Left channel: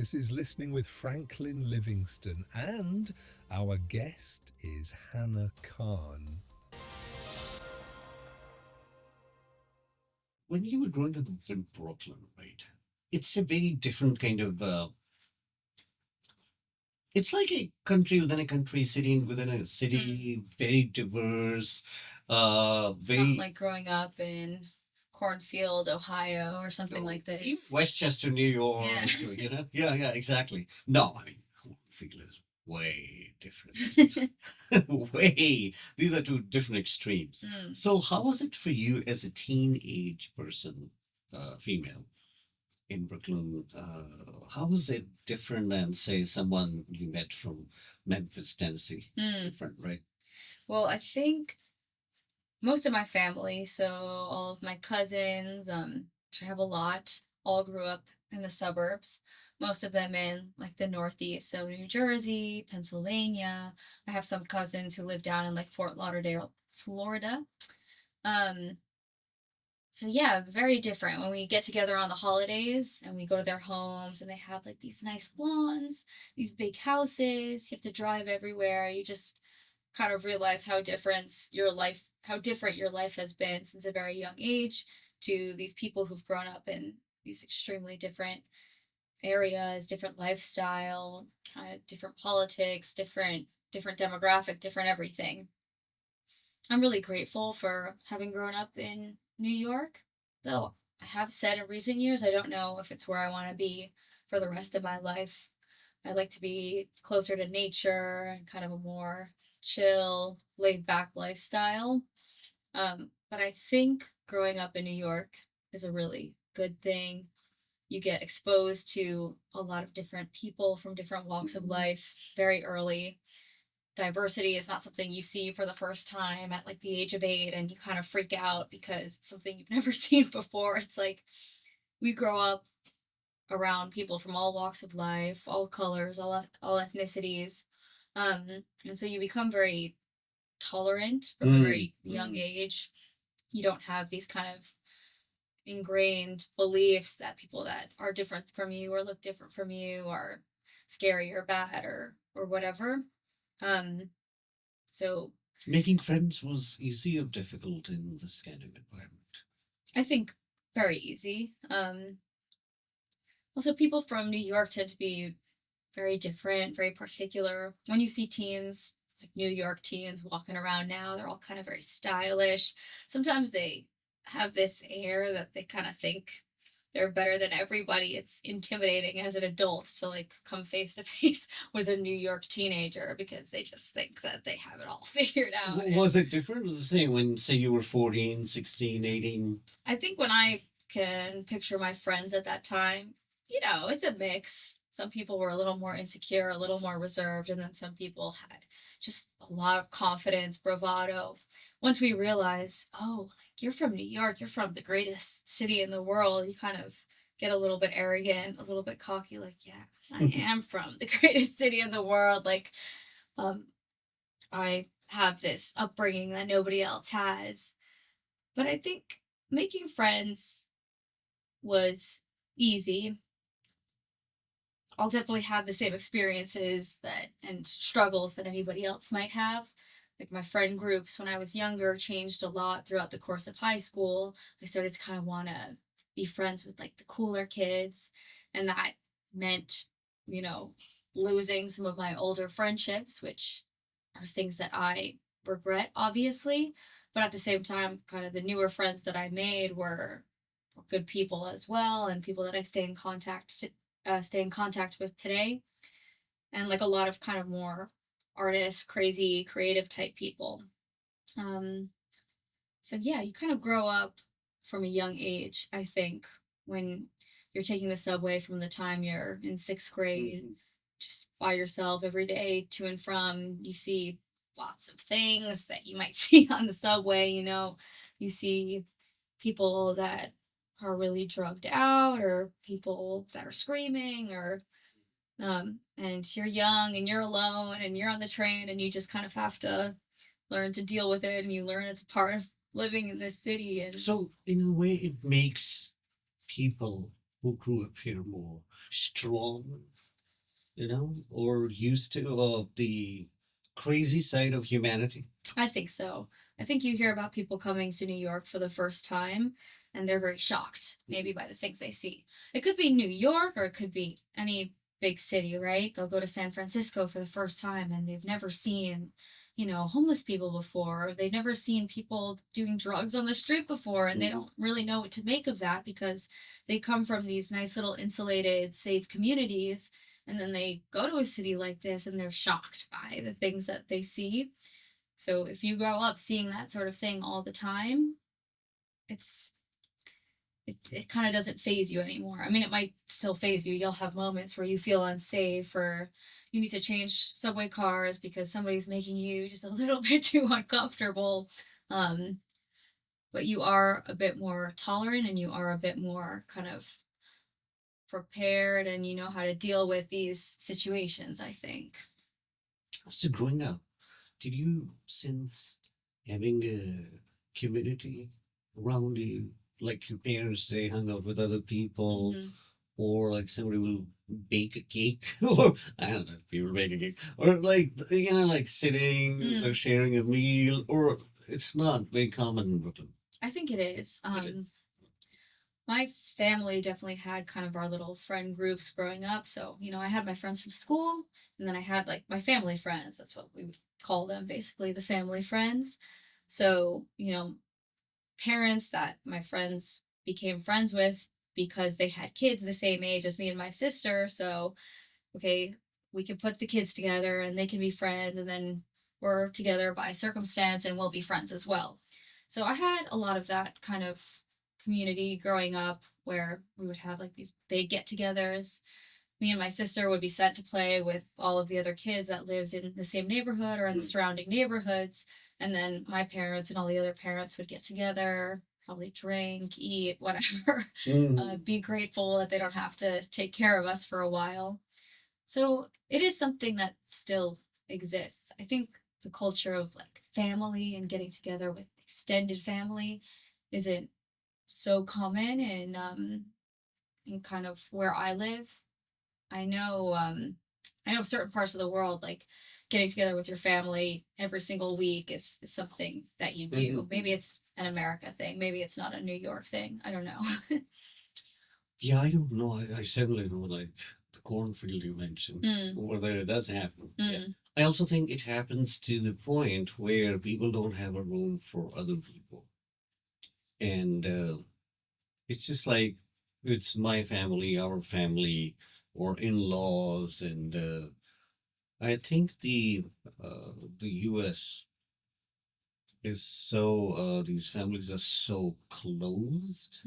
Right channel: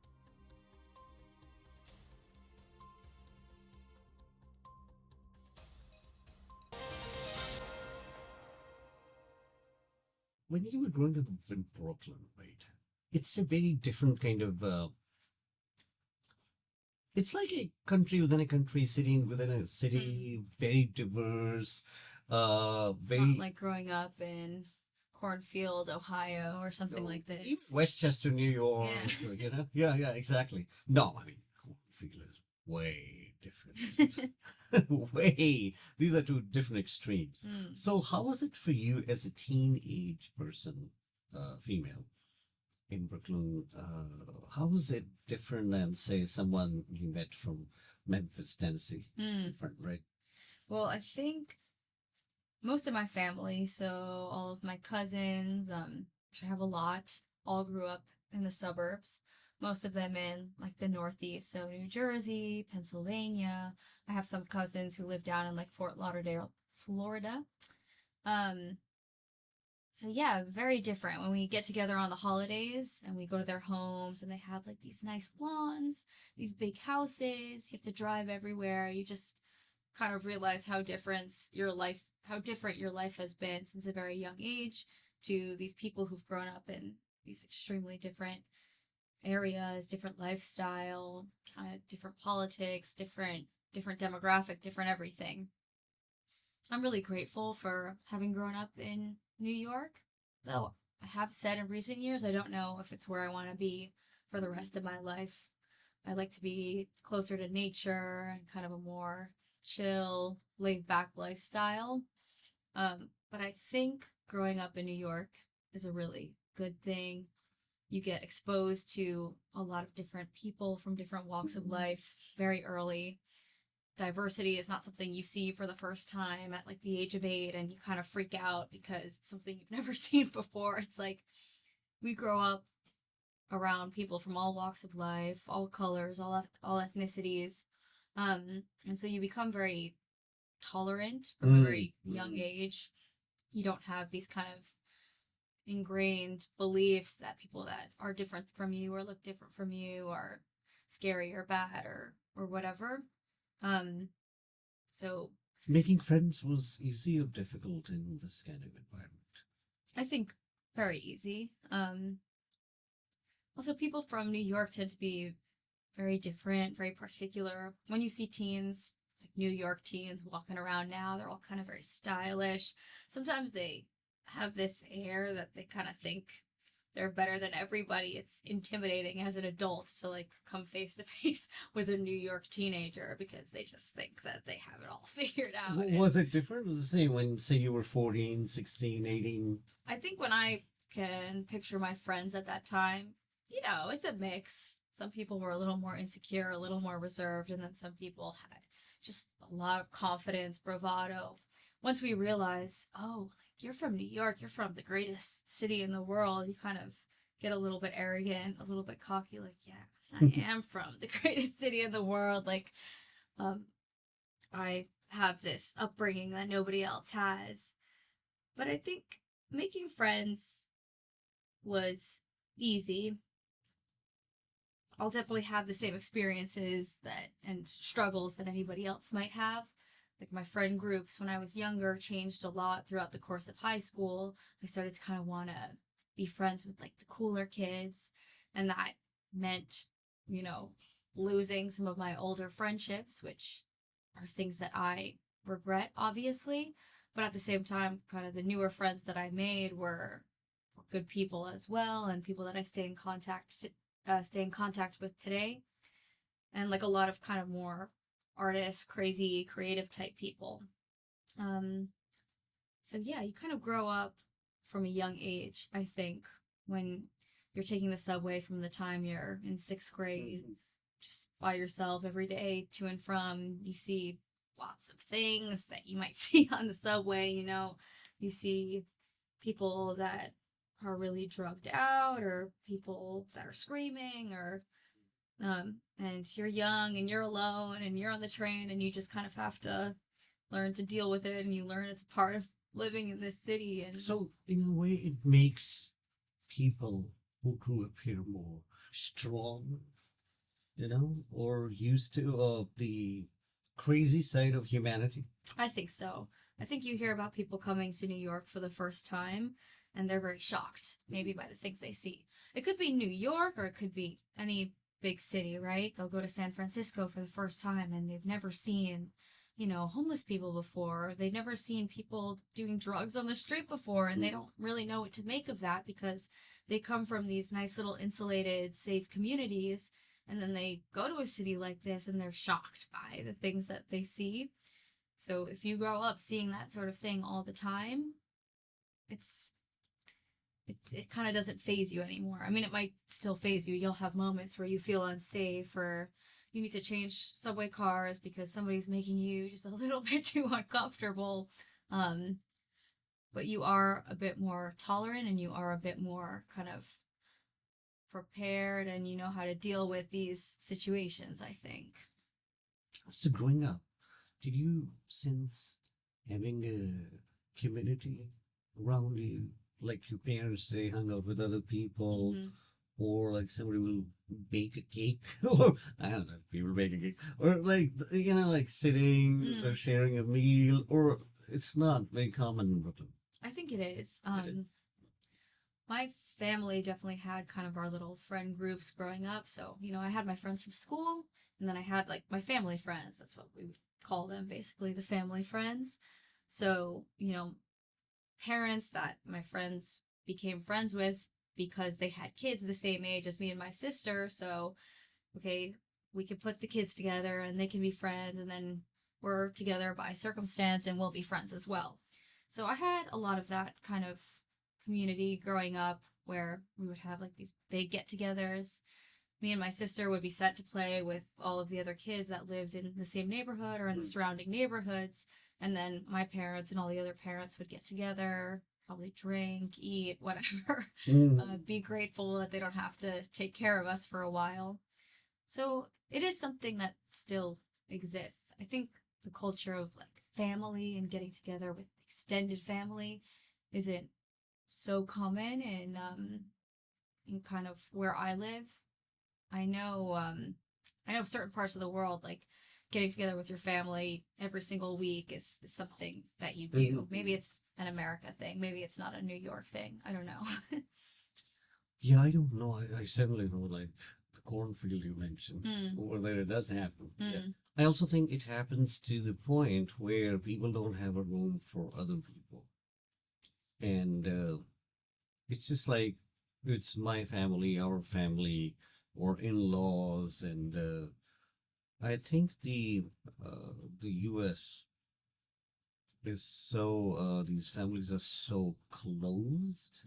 This is Listening with Franklin Livingston, and our guest is Hannah Carne. When you were growing up in Brooklyn, right? It's a very different kind of. It's like a country within a country, city within a Mm. city, very diverse. It's not Very like growing up in Cornfield, Ohio, or something like even this. Westchester, New Yeah. York. Yeah, yeah, exactly. No, I mean, Cornfield is way different. Way. These are two different extremes. Mm. So, how was it for you as a teenage person, female? In Brooklyn, how was it different than, say, someone you met from Memphis, Tennessee? Mm. Different, right? Well, I think most of my family, so all of my cousins, which I have a lot, all grew up in the suburbs. Most of them in like the Northeast, so New Jersey, Pennsylvania. I have some cousins who live down in like Fort Lauderdale, Florida. Um, So yeah, very different when we get together on the holidays and we go to their homes and they have like these nice lawns, these big houses. You have to drive everywhere. You just kind of realize how different your life has been since a very young age to these people who've grown up in these extremely different areas, different lifestyle, kind of different politics, different demographic, different everything. I'm really grateful for having grown up in New York, though I have said in recent years I don't know if it's where I want to be for the rest of my life. I'd like to be closer to nature and kind of a more chill, laid back lifestyle. But I think growing up in New York is a really good thing. You get exposed to a lot of different people from different walks of life very early. Diversity is not something you see for the first time at like the age of 8 and you kind of freak out because it's something you've never seen before. It's like we grow up around people from all walks of life, all colors, all ethnicities. And so you become very tolerant from a Mm, very young age. You don't have these kind of ingrained beliefs that people that are different from you or look different from you are scary or bad or whatever. Um, so Making friends was easy or difficult in this kind of environment? I think very easy. Also, people from New York tend to be very different, very particular. When you see teens, like New York teens walking around now, they're all kind of very stylish. Sometimes they have this air that they kind of think they're better than everybody. It's intimidating as an adult to like come face to face with a New York teenager because they just think that they have it all figured out. And Was it different? Was it the same when, say, you were 14, 16, 18? I think when I can picture my friends at that time, it's a mix. Some people were a little more insecure, a little more reserved, and then some people had just a lot of confidence, bravado. Once we realize, oh, like you're from New York, you're from the greatest city in the world, you kind of get a little bit arrogant, a little bit cocky, like, yeah, I am from the greatest city in the world. Like, um, I have this upbringing that nobody else has. But I think making friends was easy. I'll definitely have the same experiences that and struggles that anybody else might have. Like my friend groups when I was younger changed a lot throughout the course of high school. I started to kind of want to be friends with like the cooler kids, and that meant, you know, losing some of my older friendships, which are things that I regret, obviously. But at the same time, kind of the newer friends that I made were good people as well, and people that I stay in contact with today, and like a lot of kind of more artists, crazy, creative type people. Um, so yeah, you kind of grow up from a young age, I think, when you're taking the subway from the time you're in sixth grade, Mhm. just by yourself every day to and from. You see lots of things that you might see on the subway, you see people that are really drugged out or people that are screaming or and you're young and you're alone and you're on the train and you just kind of have to learn to deal with it and you learn it's a part of living in this city and So, in a way, it makes people who grew up here more strong, or used to the crazy side of humanity? I think so. I think you hear about people coming to New York for the first time and they're very shocked, maybe by the things they see. It could be New York or it could be any big city, right? They'll go to San Francisco for the first time and they've never seen, homeless people before. Or they've never seen people doing drugs on the street before and they don't really know what to make of that because they come from these nice little insulated, safe communities. And then they go to a city like this and they're shocked by the things that they see. So if you grow up seeing that sort of thing all the time, it's it kind of doesn't phase you anymore. I mean, it might still phase you. You'll have moments where you feel unsafe or you need to change subway cars because somebody's making you just a little bit too uncomfortable. Um, but you are a bit more tolerant and you are a bit more kind of prepared and you know how to deal with these situations, I think. So growing up, did you sense having a community around you, like your parents, they hung out with other people, Hmm. or like somebody will bake a cake, or I don't know if people bake a cake, or like like sitting or Mm, sharing a meal, or it's not very common in Brooklyn. I think it is. It is. My family definitely had kind of our little friend groups growing up. So, I had my friends from school, and then I had like my family friends. That's what we would call them, basically, the family friends. So, parents that my friends became friends with because they had kids the same age as me and my sister. So, okay, we can put the kids together and they can be friends, and then we're together by circumstance and we'll be friends as well. So I had a lot of that kind of community growing up where we would have like these big get togethers. Me and my sister would be sent to play with all of the other kids that lived in the same neighborhood or in the Mm. surrounding neighborhoods. And then my parents and all the other parents would get together, probably drink, eat, whatever, Mm. be grateful that they don't have to take care of us for a while. So it is something that still exists. I think the culture of like family and getting together with extended family isn't so common in kind of where I live. I know I know certain parts of the world like getting together with your family every single week is something that you do. Maybe Mhm. it's an America thing. Maybe it's not a New York thing. I don't know. Yeah, I don't know. I certainly know, like the cornfield you mentioned, Mm, over there it does happen. Yeah. mm, I also think it happens to the point where people don't have a room for other people. And it's just like it's my family, our family, or in-laws. And I think the US is so, these families are so closed,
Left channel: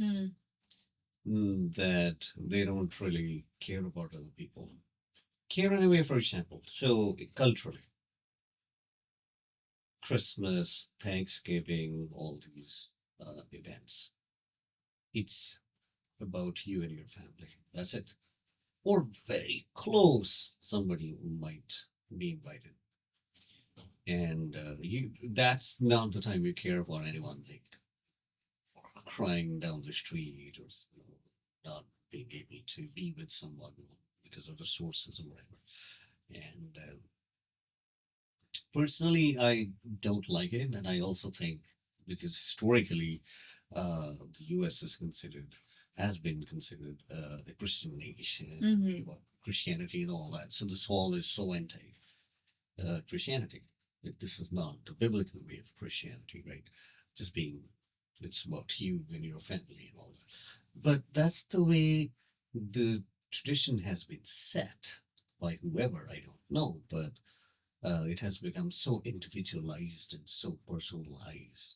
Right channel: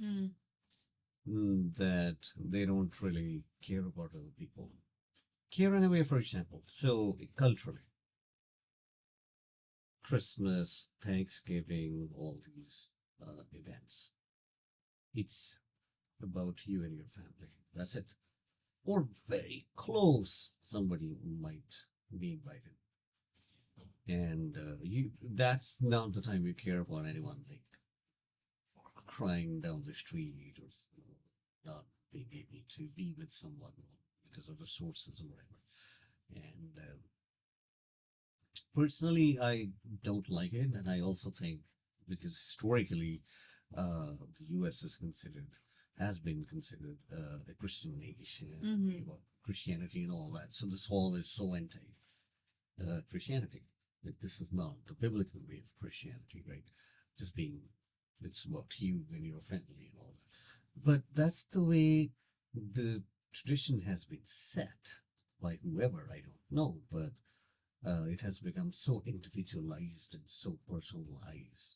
mm, that they don't really care about other people. Care anyway, for example. So culturally, Christmas, Thanksgiving, all these events, it's about you and your family. That's it. Or very close, somebody who might be invited. And that's not the time you care about anyone like crying down the street, or not being able to be with someone because of resources or whatever. And personally, I don't like it, and I also think because historically, the U.S. is considered, has been considered a Christian nation, mm-hmm. about Christianity and all that. So this wall is so anti Christianity. Like, this is not the biblical way of Christianity, right? Just being, it's about you and your family and all that. But that's the way the tradition has been set by whoever, I don't know, but it has become so individualized and so personalized.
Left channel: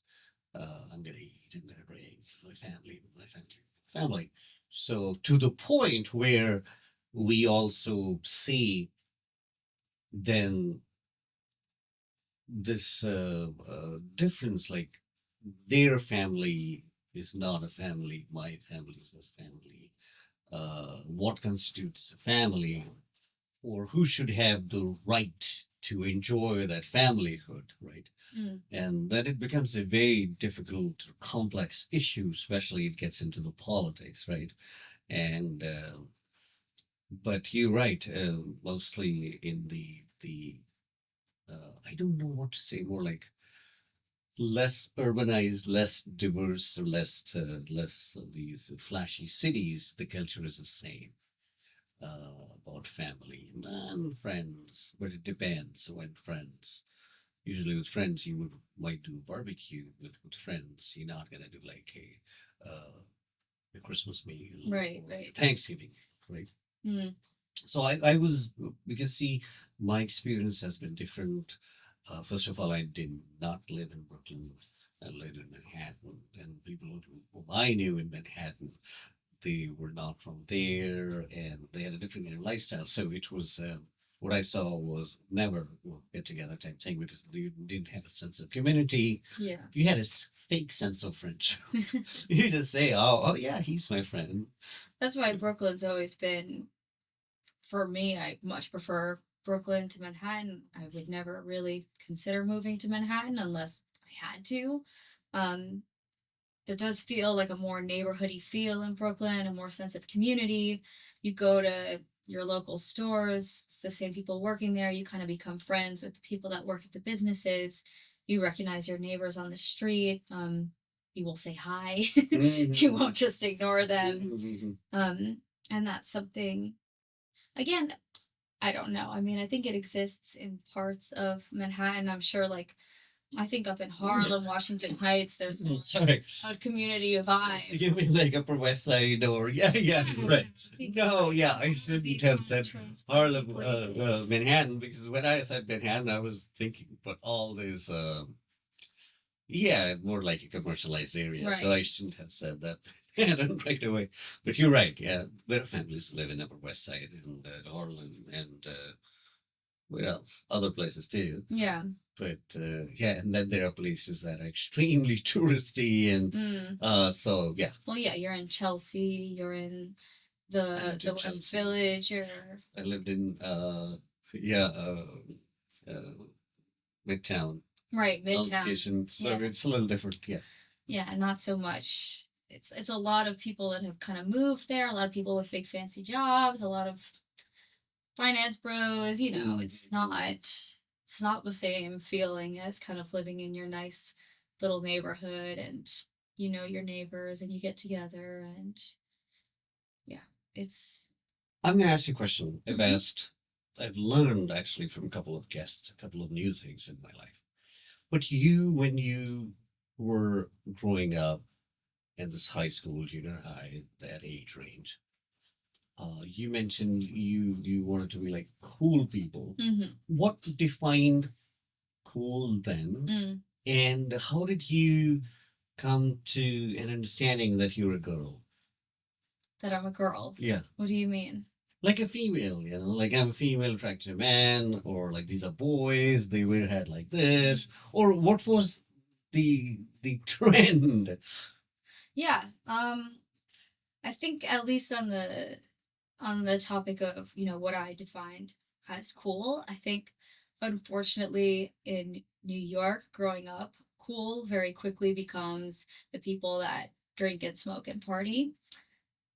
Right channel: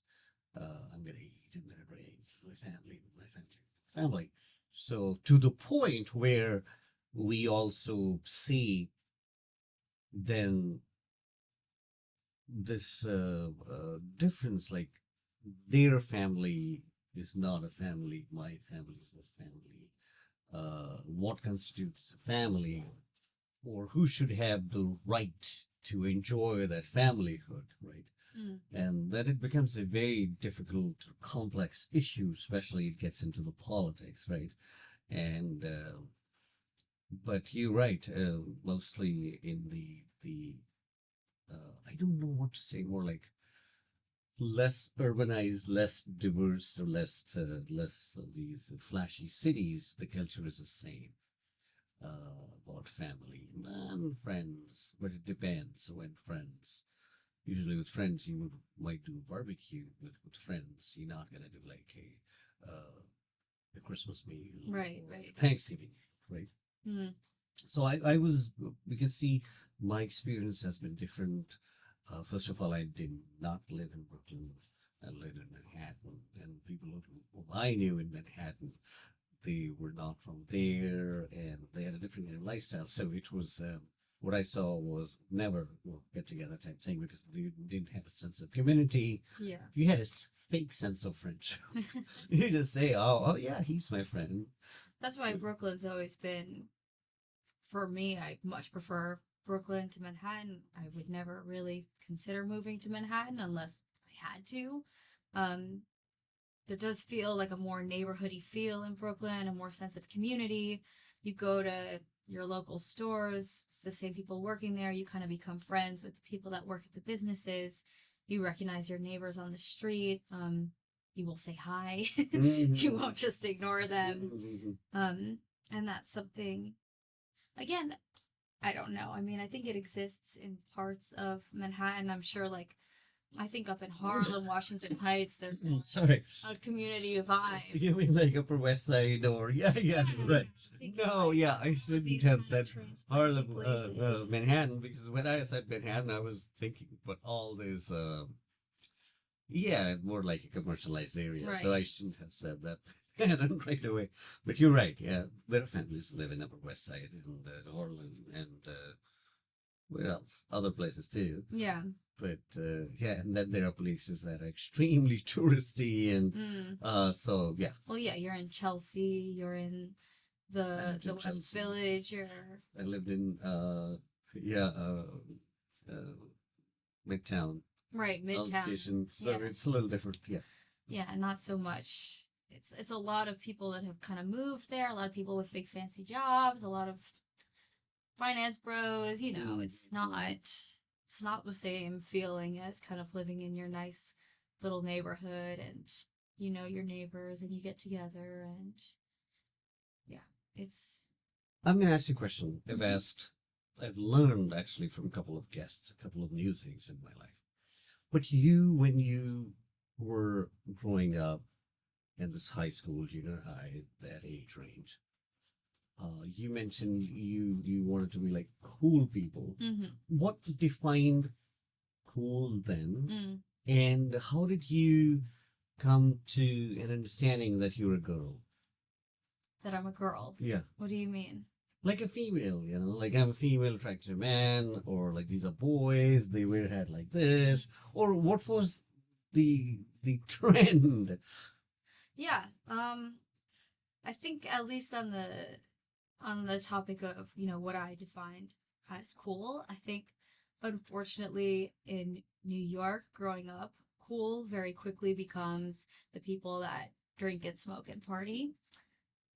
I'm gonna eat, I'm gonna drink, my family, family. So to the point where we also see then this difference, like their family is not a family, my family is a family. What constitutes a family, or who should have the right to enjoy that familyhood, right? Mm, And that it becomes a very difficult, complex issue, especially it gets into the politics, right? And but you're right. Mostly in the I don't know what to say. More like less urbanized, less diverse, less of these flashy cities. The culture is the same. About family and friends, but it depends when friends. Usually with friends, you might do barbecue with friends. You're not gonna do like a Christmas meal Right, or a right. Thanksgiving, right? Mm, So I was because see, my experience has been different. First of all, I did not live in Brooklyn. I lived in Manhattan, and people who I knew in Manhattan, they were not from there and they had a different kind of lifestyle. So it was what I saw was never get together type thing because they didn't have a sense of community. yeah. You had a fake sense of friendship. You just say, oh yeah, he's my friend. That's why Brooklyn's always been, for me, I much prefer Brooklyn to Manhattan. I would never really consider moving to Manhattan unless I had to. Um, there does feel like a more neighborhoody feel in Brooklyn, a more sense of community. You go to your local stores, it's the same people working there. You kind of become friends with the people that work at the businesses. You recognize your neighbors on the street. You will say hi. You won't just ignore them. Um, and that's something, again, I don't know. I mean, I think it exists in parts of Manhattan. I'm sure, like, I think up in Harlem, Washington Heights, there's Sorry. a community vibe. You mean like Upper West Side or yeah, right. No, yeah, I shouldn't have said Harlem, Manhattan because when I said Manhattan, I was thinking about all these, yeah, more like a commercialized area. So I Right. shouldn't have said that Manhattan right away. But you're right. Yeah, there are families who live in Upper West Side and Harlem and where else? Other places too. Yeah. But yeah, and then there are places that are extremely touristy and Mm. so yeah. Well, yeah, you're in Chelsea, you're in I lived the in West Chelsea. Village, you're I lived in yeah uh, Midtown right, Midtown. Station, so Yeah. it's a little different. Yeah. Yeah, not so much. It's a lot of people that have kind of moved there, a lot of people with big fancy jobs, a lot of finance bros, it's not the same feeling as kind of living in your nice little neighborhood and you know your neighbors and you get together and yeah, it's I'm gonna ask you a question. Mhm. I've learned actually from a couple of guests, a couple of new things in my life. But you, when you were growing up in this high school, junior high, that age range, you mentioned you wanted to be like cool people. Mhm. What defined cool then, Mm. and how did you come to an understanding that you're a girl? That I'm a girl. Yeah, What do you mean? like a female, like I'm a female attracted to a man, or like these are boys, they wear hair like this, or what was the trend? Yeah. I think at least on the topic of, what I defined as cool, I think unfortunately in New York growing up, cool very quickly becomes the people that drink and smoke and party.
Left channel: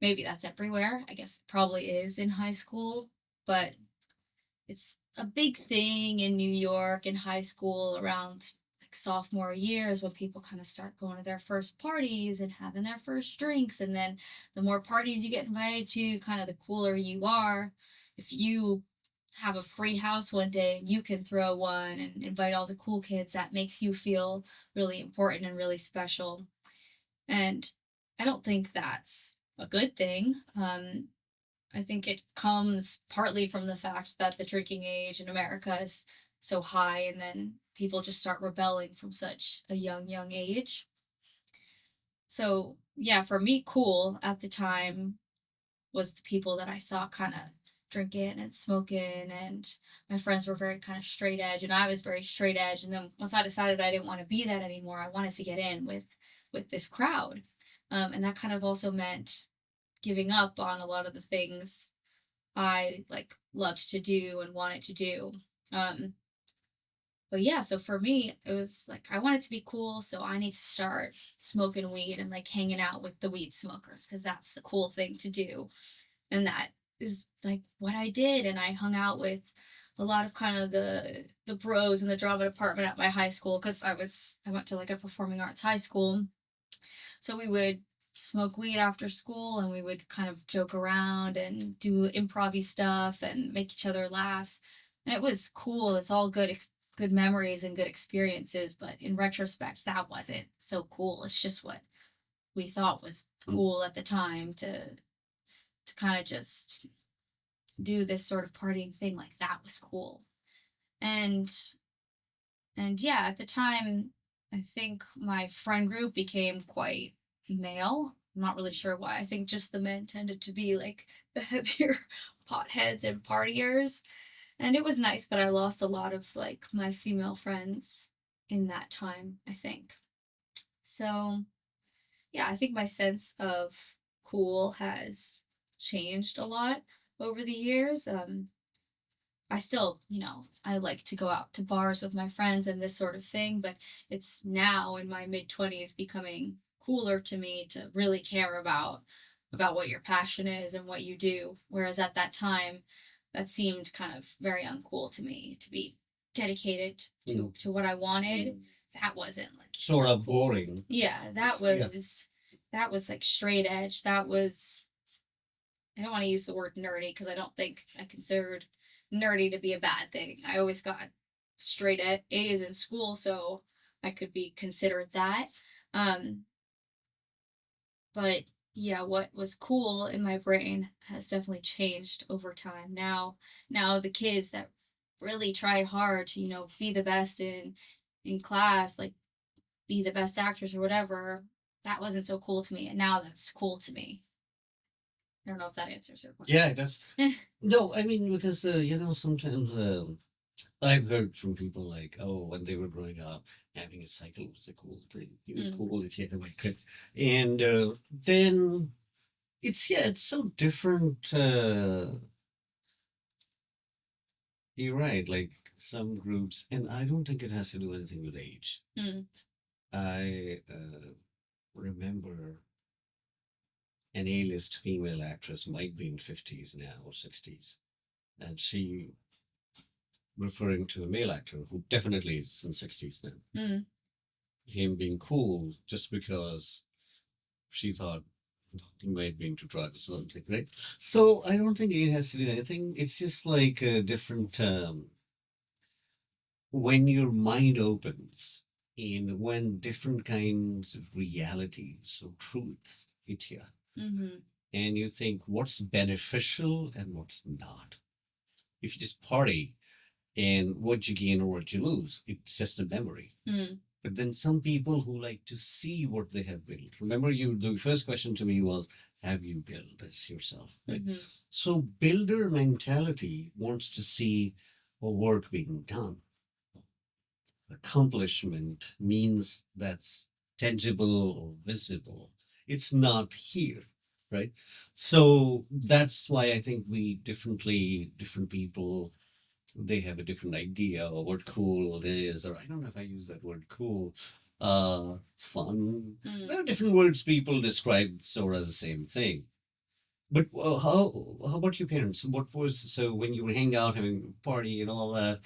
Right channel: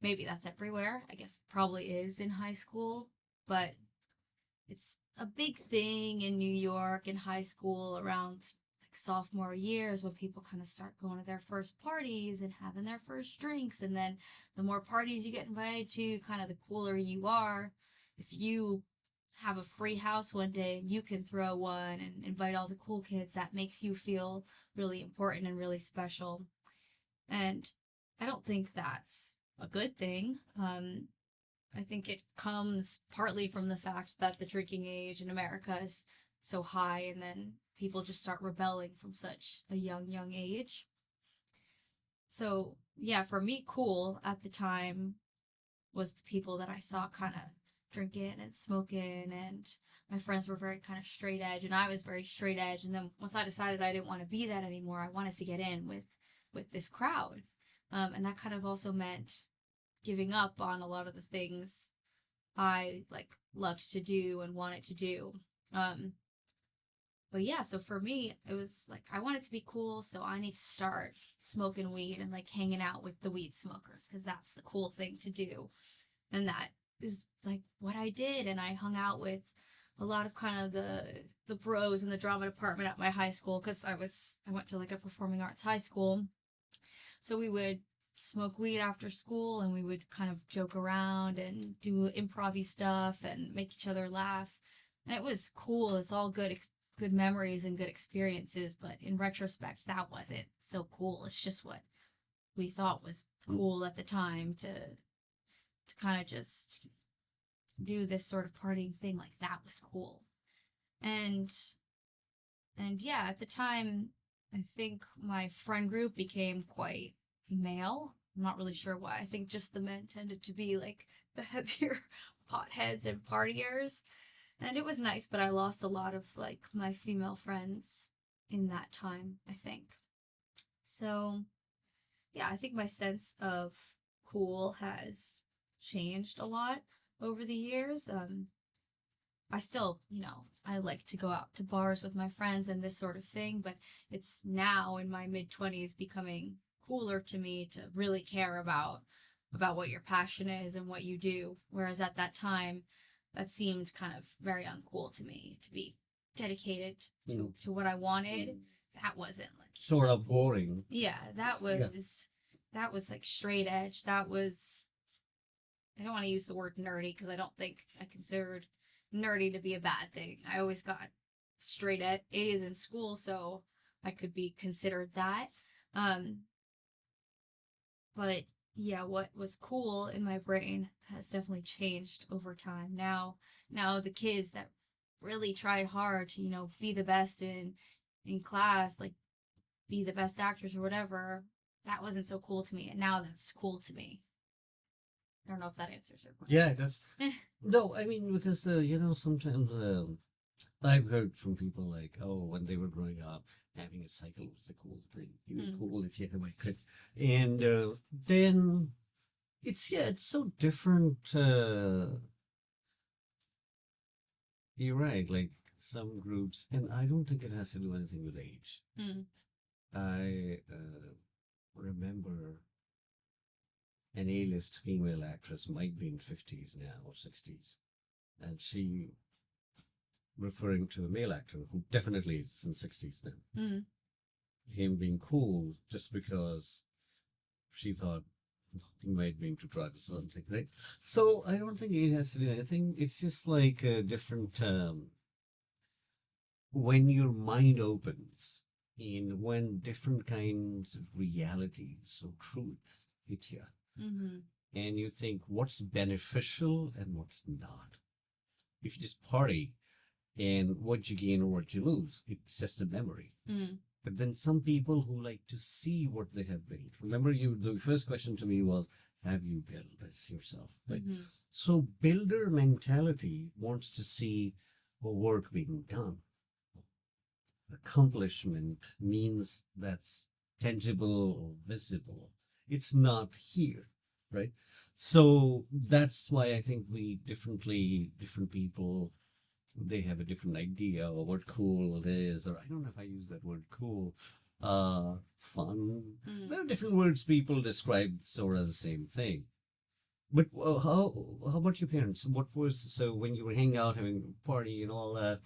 Maybe that's everywhere. I guess it probably is in high school, but it's a big thing in New York in high school around like sophomore years when people kind of start going to their first parties and having their first drinks. And then the more parties you get invited to, kind of the cooler you are. If you have a free house one day, you can throw one and invite all the cool kids. That makes you feel really important and really special. And I don't think that's a good thing. I think it comes partly from the fact that the drinking age in America is so high, and then people just start rebelling from such a young age. So, yeah, for me, cool at the time was the people that I saw kind of drinking and smoking, and my friends were very kind of straight edge, and I was very straight edge. And then once I decided I didn't want to be that anymore, I wanted to get in with this crowd, and that kind of also meant giving up on a lot of the things I like loved to do and wanted to do. Um, But yeah, so for me, it was like I wanted to be cool, so I need to start smoking weed and like hanging out with the weed smokers because that's the cool thing to do. And that is like what I did. And I hung out with a lot of kind of the bros in the drama department at my high school because I went to like a performing arts high school. So we would smoke weed after school and we would kind of joke around and do improv stuff and make each other laugh. And it was cool. It's all good memories and good experiences, but in retrospect that wasn't so cool. It's just what we thought was cool at the time to kind of just do this sort of partying thing, like that was cool. And yeah, at the time I think my friend group became quite male. I'm not really sure why. I think just the men tended to be like the heavier potheads and partiers. And it was nice, but I lost a lot of like my female friends in that time, I think. So yeah, I think my sense of cool has changed a lot over the years. I still, I like to go out to bars with my friends and this sort of thing, but it's now in my mid 20s becoming cooler to me to really care about what your passion is and what you do. Whereas at that time, that seemed kind of very uncool to me to be dedicated to what I wanted. That wasn't like Sort of cool. boring. Yeah, that was like straight edge. That was I don't want to use the word nerdy because I don't think I considered nerdy to be a bad thing. I always got straight A's in school, so I could be considered that. Um, but yeah, what was cool in my brain has definitely changed over time. Now the kids that really tried hard to, be the best in class, like be the best actors or whatever, that wasn't so cool to me. And now that's cool to me. I don't know if that answers your question. Yeah, it does. No, I mean, because, sometimes I've heard from people like, oh, when they were growing up, having a cycle was a cool thing. You were cool if you had a white coat. And then it's so different. You're right, like some groups, and I don't think it has to do anything with age. Mm. I remember an A-list female actress might be in 50s now or 60s, and she referring to a male actor who definitely is in 60s now. Mm. Him being cool just because she thought he might be into drugs or something, right? So I don't think it has to do anything. It's just like a different when your mind opens and when different kinds of realities or truths hit you, Mm-hmm. and you think what's beneficial and what's not. If you just party and what you gain or what you lose, it's just a memory. Mm. But then some people who like to see what they have built. Remember, the first question to me was, have you built this yourself? Right? Mm-hmm. So builder mentality wants to see a work being done. Accomplishment means that's tangible or visible. It's not here, right? So that's why I think different people, they have a different idea of what cool is, or I don't know if I use that word cool, fun. There are different words people describe sort of the same thing. But how about your parents? What was so when you were hanging out, having a party and all that,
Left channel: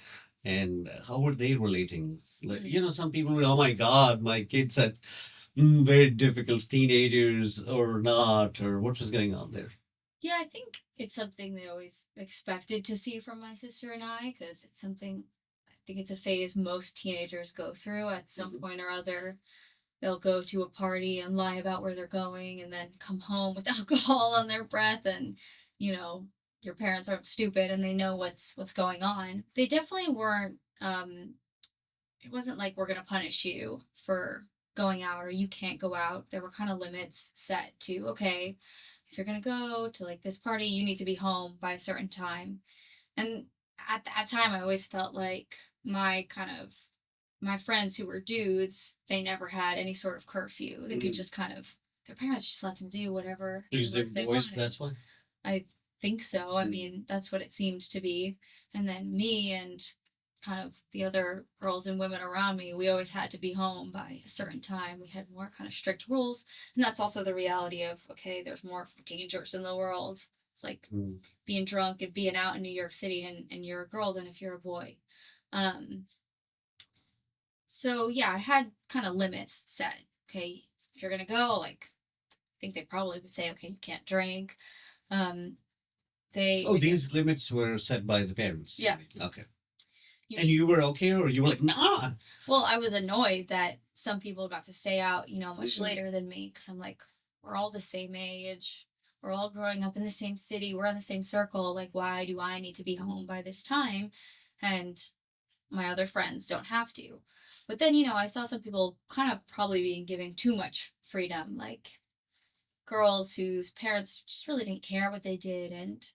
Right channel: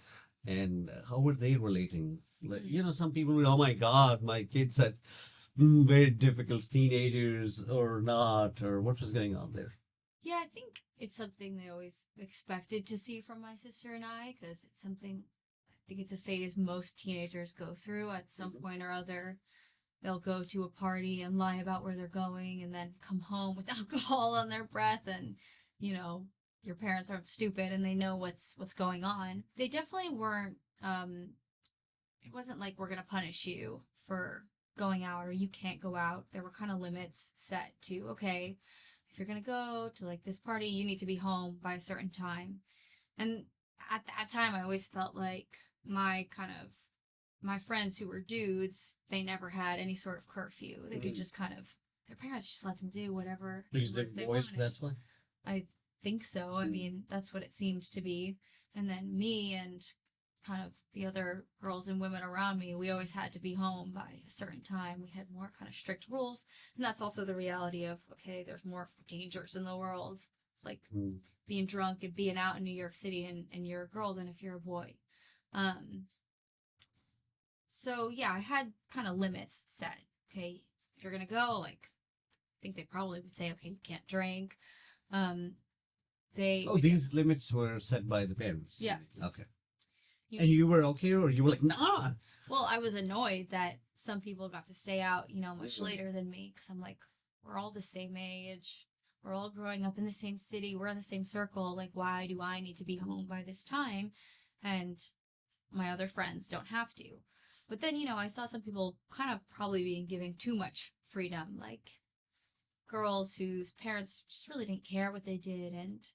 and how were they relating? Like, some people, oh my God, my kids had very difficult teenagers or not, or what was going on there? Yeah, I think it's something they always expected to see from my sister and I because it's something I think it's a phase most teenagers go through at some point or other. They'll go to a party and lie about where they're going and then come home with alcohol on their breath and, you know, your parents aren't stupid and they know what's going on. They definitely weren't it wasn't like we're going to punish you for going out or you can't go out. There were kind of limits set to, okay, if you're going to go to like this party, you need to be home by a certain time. And at that time, I always felt like my friends who were dudes, they never had any sort of curfew. They could just kind of, their parents just let them do whatever it Because was they're they boys, wanted. that's why. I think so. I mean, that's what it seemed to be. And then me and kind of the other girls and women around me, we always had to be home by a certain time. We had more kind of strict rules. And that's also the reality of, okay, there's more dangers in the world. It's like being drunk and being out in New York City and you're a girl than if you're a boy. Um, so yeah, I had kind of limits set. Okay, if you're gonna go, like, I think they probably would say, okay, you can't drink. Um, they Oh, these limits were set by the parents. Yeah. Okay. you And need you were okay, or you were like, nah? Well, I was annoyed that some people got to stay out, much Mhm. later than me, because I'm like, we're all the same age. We're all growing up in the same city. We're in the same circle. Like, why do I need to be home by this time? And my other friends don't have to. But then, I saw some people kind of probably being given too much freedom, like girls whose parents just really didn't care what they did. And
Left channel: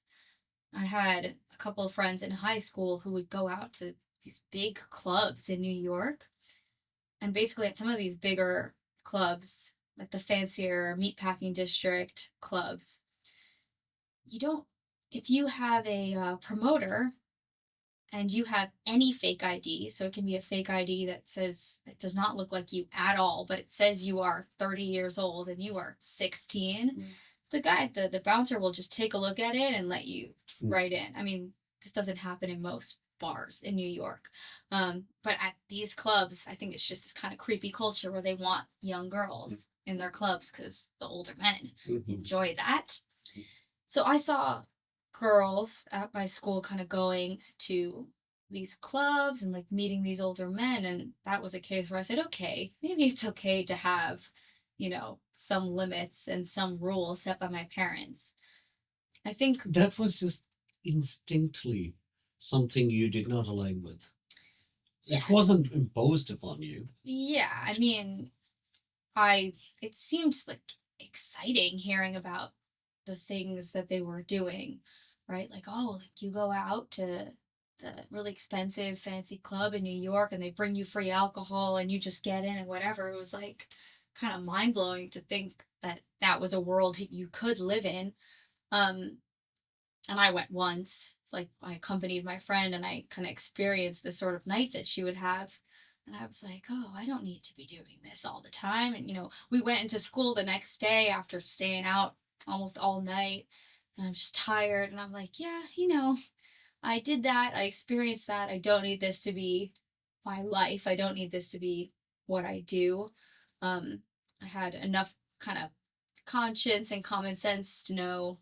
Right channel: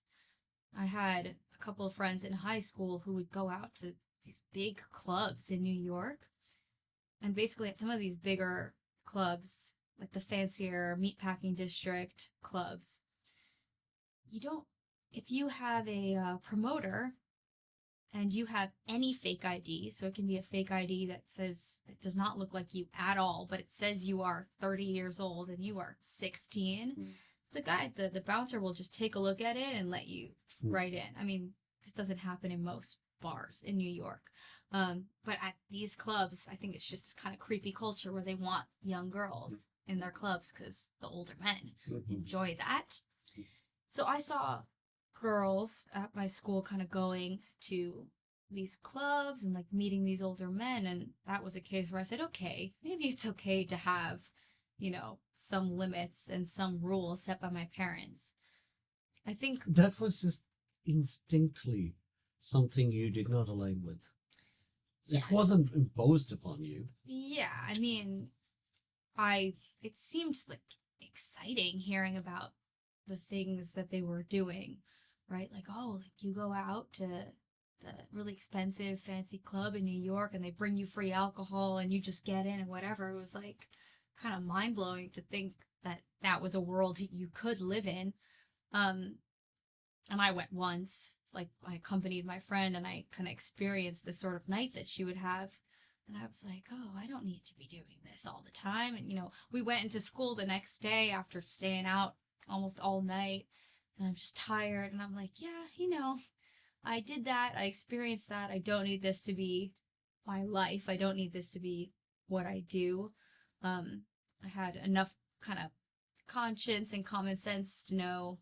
I had a couple of friends in high school who would go out to these big clubs in New York. And basically, at some of these bigger clubs, like the fancier meatpacking district clubs, you don't, if you have a promoter and you have any fake ID, so it can be a fake ID that says, it does not look like you at all, but it says you are 30 years old and you are 16, the bouncer will just take a look at it and let you right in. I mean, this doesn't happen in most bars in New York. But at these clubs, I think it's just this kind of creepy culture where they want young girls in their clubs because the older men enjoy that. So I saw girls at my school kind of going to these clubs and like meeting these older men. And that was a case where I said, okay, maybe it's okay to have, some limits and some rules set by my parents. I think That was just instinctively something you did not align with. Yeah. It wasn't imposed upon you. Yeah, I mean, it seems like exciting hearing about the things that they were doing, right? Like, oh, like you go out to the really expensive fancy club in New York and they bring you free alcohol and you just get in and whatever. It was like kind of mind blowing to think that that was a world you could live in. Um, and I went once, like I accompanied my friend and I kind of experienced this sort of night that she would have. And I was like, oh, I don't need to be doing this all the time. And, we went into school the next day after staying out almost all night. And I'm just tired. And I'm like, yeah, I did that. I experienced that. I don't need this to be my life. I don't need this to be what I do. I had enough kind of conscience and common sense to know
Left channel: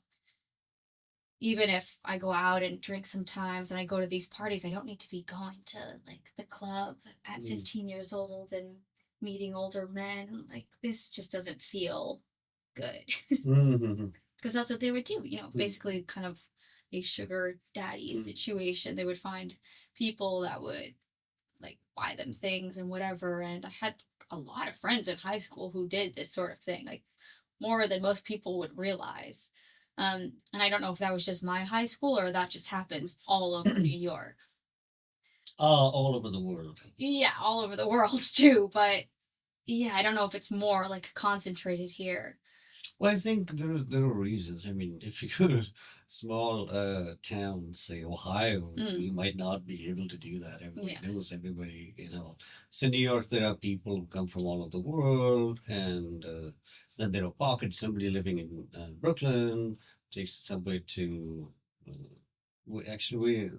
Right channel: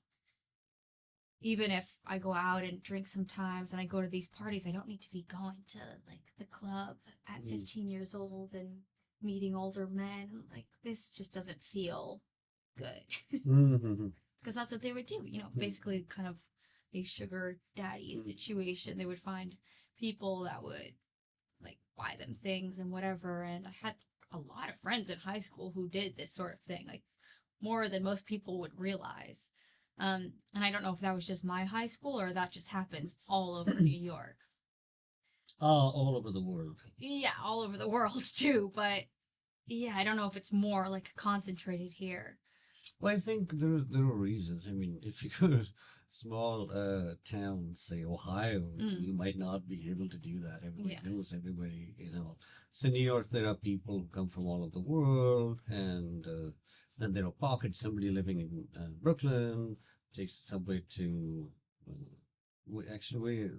even if I go out and drink sometimes and I go to these parties, I don't need to be going to like the club at 15 years old and meeting older men. Like this just doesn't feel good. Because that's what they would do, basically kind of a sugar daddy situation. They would find people that would like buy them things and whatever. And I had a lot of friends in high school who did this sort of thing, like more than most people would realize. And I don't know if that was just my high school or that just happens all over New York. All over the world. Yeah, all over the world too. But yeah, I don't know if it's more like concentrated here. Well, I think there are reasons. I mean, if you go to small town, say Ohio, you might not be able to do that. Everybody knows everybody, So in New York, there are people who come from all over the world, and then there are pockets. Somebody living in Brooklyn takes the subway to. We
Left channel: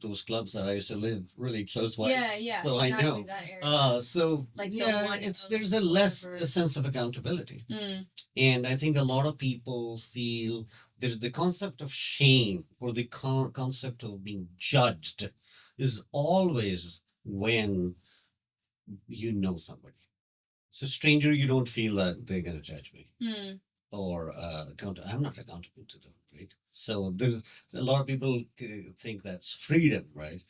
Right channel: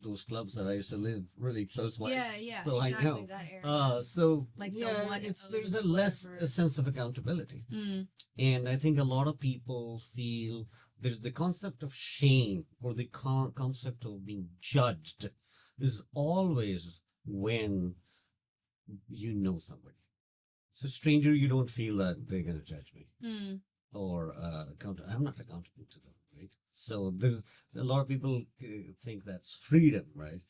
those clubs that I used to live really close by. Yeah. So exactly, I know. That area. So like yeah, there's a sense of accountability. And I think a lot of people feel there's the concept of shame or the concept of being judged is always when you know somebody. So stranger, you don't feel that they're going to judge me or I'm not accountable to them, right? So there's a lot of people think that's freedom, right?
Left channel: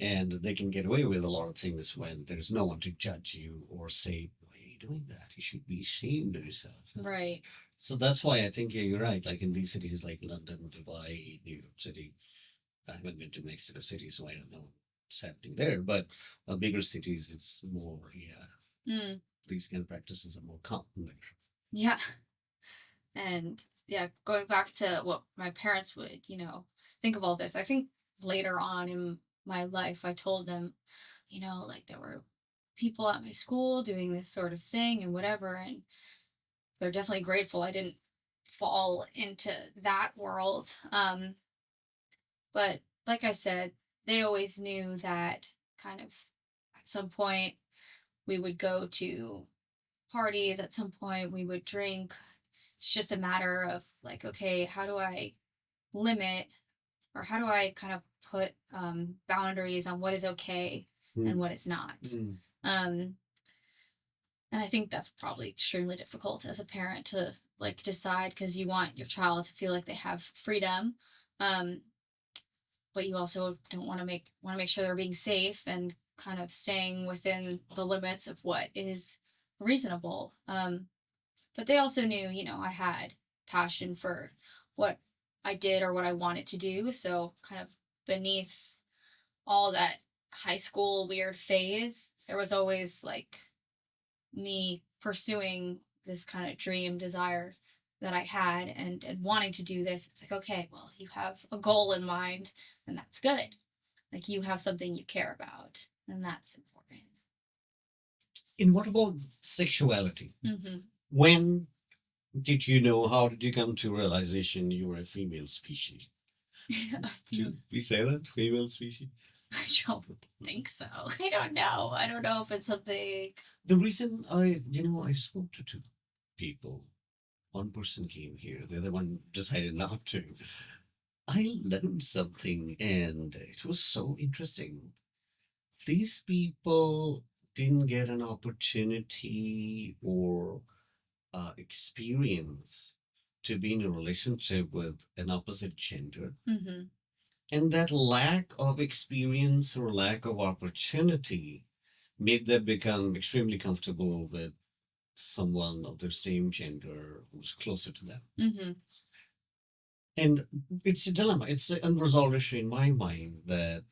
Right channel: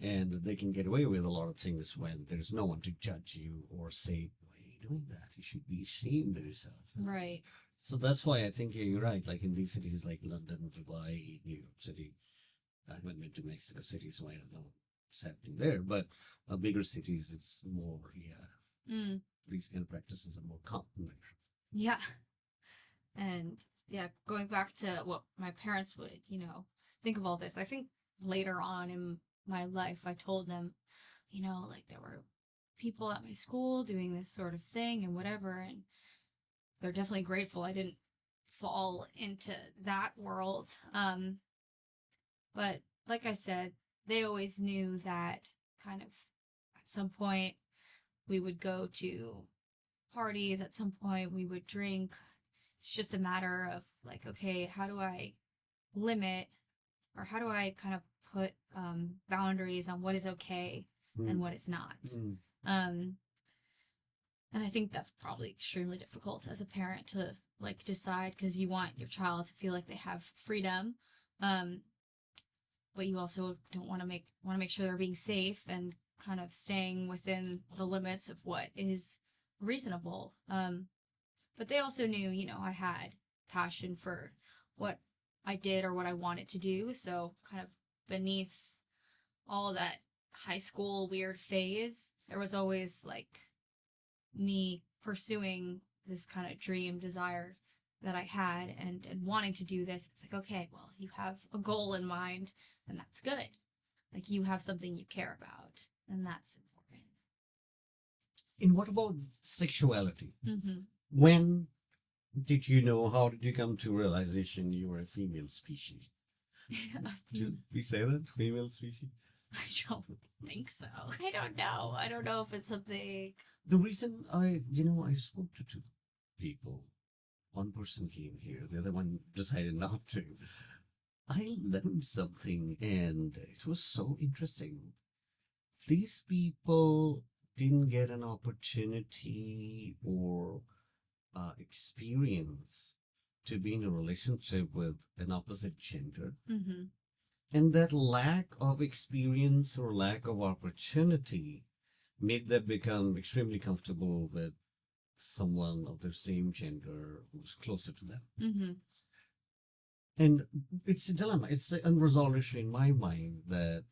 And they can get away with a lot of things when there's no one to judge you or say, why are you doing that? You should be ashamed of yourself. Right. So that's why I think, yeah, you're right. Like in these cities like London, Dubai, New York City, I haven't been to Mexico City, so I don't know what's happening there. But bigger cities, it's more, these kind of practices are more common there. Yeah. And yeah, going back to what my parents would, think of all this, I think later on in my life. I told them, like there were people at my school doing this sort of thing and whatever, and they're definitely grateful I didn't fall into that world. But like I said, they always knew that kind of at some point we would go to parties, at some point we would drink. It's just a matter of like, okay, how do I limit, or how do I kind of put boundaries on what is okay and Mm, what is not? mm, Um, and I think that's probably extremely difficult as a parent to like decide, because you want your child to feel like they have freedom, um, but you also don't want to make sure they're being safe and kind of staying within the limits of what is reasonable. But they also knew, I had passion for what I did or what I wanted to do. So kind of beneath all that high school weird phase, there was always like me pursuing this kind of dream desire that I had, and wanting to do this. It's like, okay, well, you have a goal in mind, and that's good. Like you have something you care about, and that's important. and what about sexuality? Mm-hmm. When did you know? How did you come to realization you were a female species? Did we say that? Female species? I don't think so. I don't know. I don't know if it's something. The reason I spoke to two people. One person came here, the other one decided not to. I learned something and it was so interesting. These people didn't get an opportunity or experience to be in a relationship with an opposite gender. Mm-hmm. And that lack of experience or lack of opportunity made them become extremely comfortable with someone of their same gender who's closer to them. Mm-hmm. And it's a dilemma. It's an unresolved issue in my mind that,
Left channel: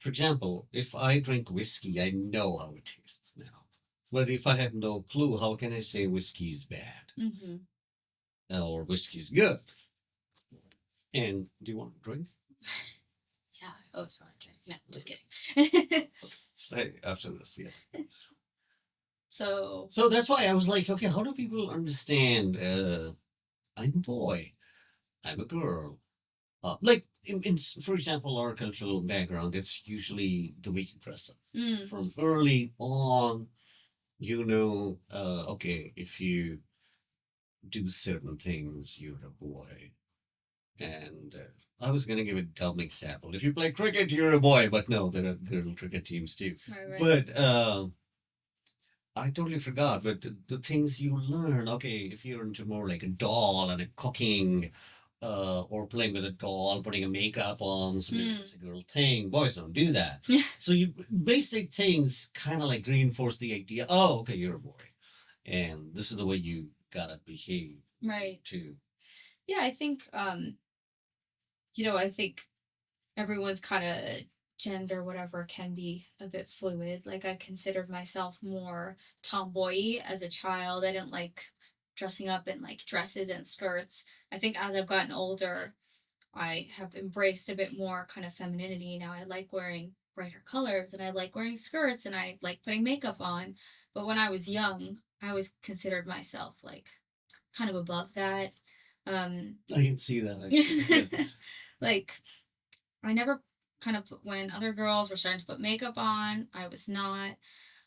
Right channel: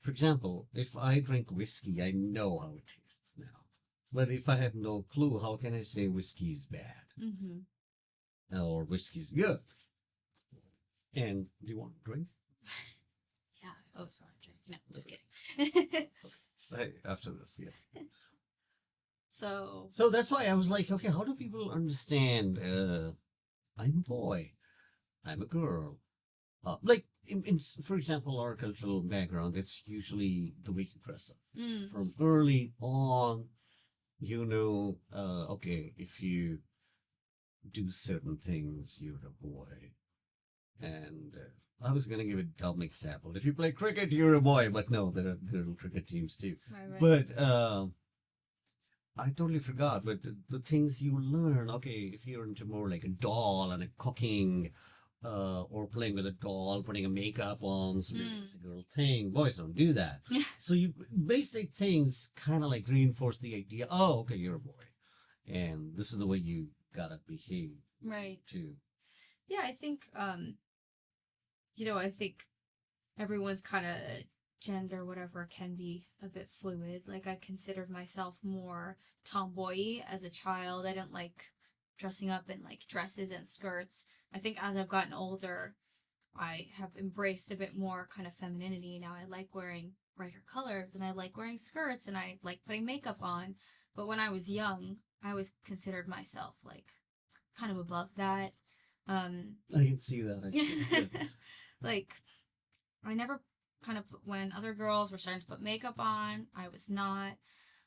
for example, if I drink whiskey, I know how it tastes now. But if I have no clue, how can I say whiskey's bad Mm-hmm. or whiskey's good? And do you want to drink? Yeah. Oh, sorry. No, just kidding. Right after this, yeah. So. So that's why I was like, okay, how do people understand? I'm a boy, I'm a girl. Like for example, our cultural background, it's usually the way you dress up. Mm. From early on, okay, if you do certain things, you're a boy. And I was going to give a dumb example. If you play cricket, you're a boy, but no, there are girl cricket teams too. Right. But I totally forgot. But the things you learn, okay, if you're into more like a doll and a cooking, or playing with a doll, putting a makeup on, so maybe it's a girl thing. Boys don't do that. Yeah. So you basic things kind of like reinforce the idea. Oh, okay, you're a boy, and this is the way you gotta behave. Right. Too. Yeah, I think I think everyone's kind of gender whatever can be a bit fluid. Like I considered myself more tomboy as a child. I didn't like dressing up in like dresses and skirts. I think as I've gotten older, I have embraced a bit more kind of femininity. Now I like wearing brighter colors, and I like wearing skirts, and I like putting makeup on. But when I was young, I always considered myself like kind of above that. I can see that. Actually. Like I never kind of when other girls were starting to put makeup on, I was not.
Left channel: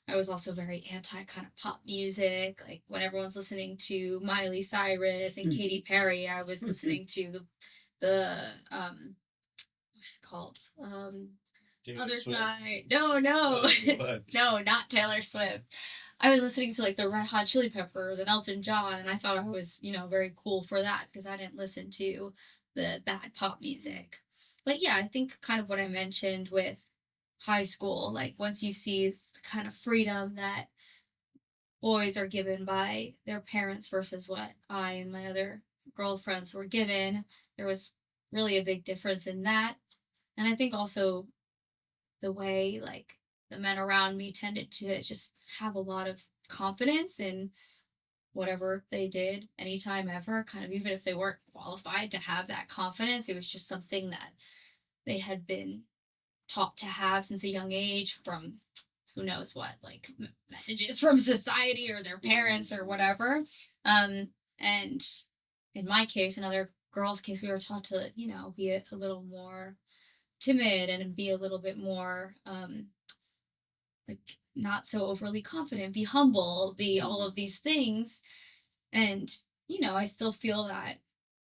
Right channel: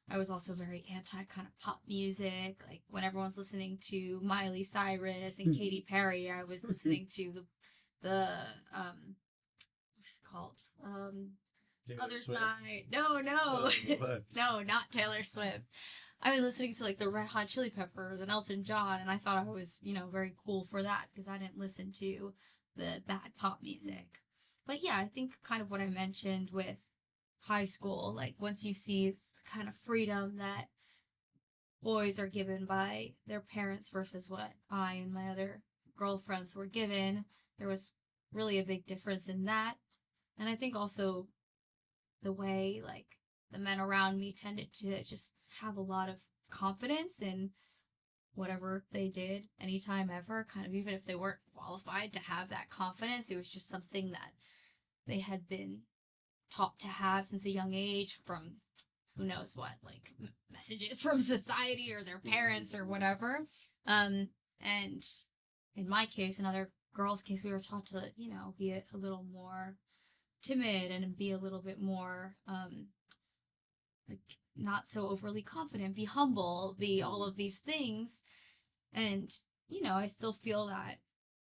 I was also very anti kind of pop music. Like when everyone's listening to Miley Cyrus and Katy Perry, I was listening to the what's it called? Taylor Other Swift. side. No, no, not Taylor Swift. I was listening to like the Red Hot Chili Peppers and Elton John, and I thought I was, very cool for that because I didn't listen to the bad pop music. But yeah, I think kind of what I mentioned with high school, like once you see the kind of freedom that boys are given by their parents versus what I and my other girlfriends were given, there was really a big difference in that. And I think also the way like the men around me tended to just have a lot of confidence in whatever they did anytime ever, kind of even if they weren't qualified to have that confidence, it was just something that they had been taught to have since a young age from who knows what, like messages from society or their parents or whatever. And in my case, in other girls' case, we were taught to, be a little more timid and be a little bit more like not so overly confident, be humble, be all of these things. And I still feel that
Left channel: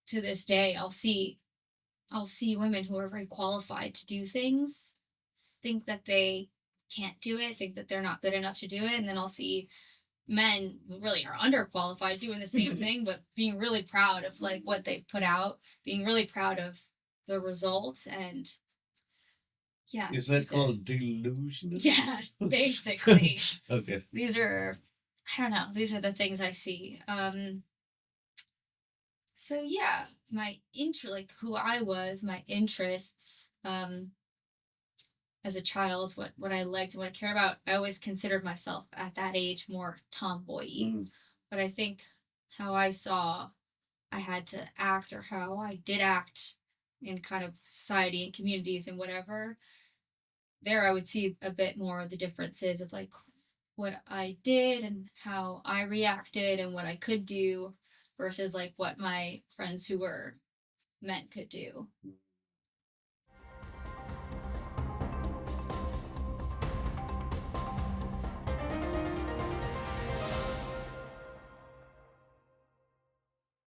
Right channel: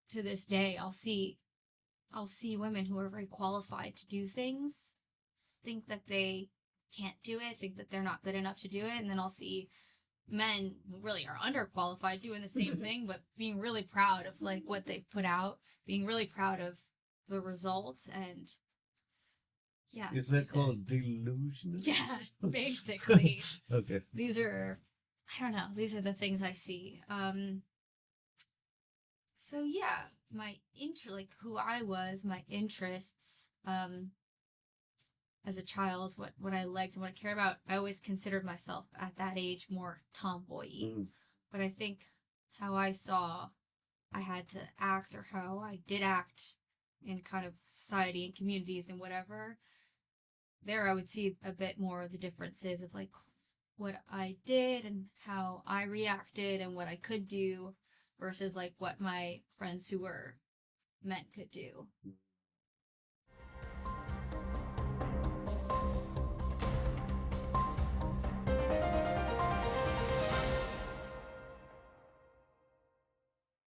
to this day. I'll see women who are very qualified to do things, think that they can't do it, think that they're not good enough to do it, and then I'll see men who really are underqualified doing the same thing, but being really proud of like what they've put out, being really proud of the results, and yeah. Is that called delusional? Yeah, basically. Okay. These are, I don't know, these are the things I see. So yeah, like who I was, my interests, as a child, what I liked and what I cared about, I always considered myself at that age more tomboy-y. Mm. But I think how I saw I had to act, or how I did act in kind of society and communities and whatever, there I would see a bit more of the differences of like what I did and how I reacted and what I could do versus like what my friends who were men could do.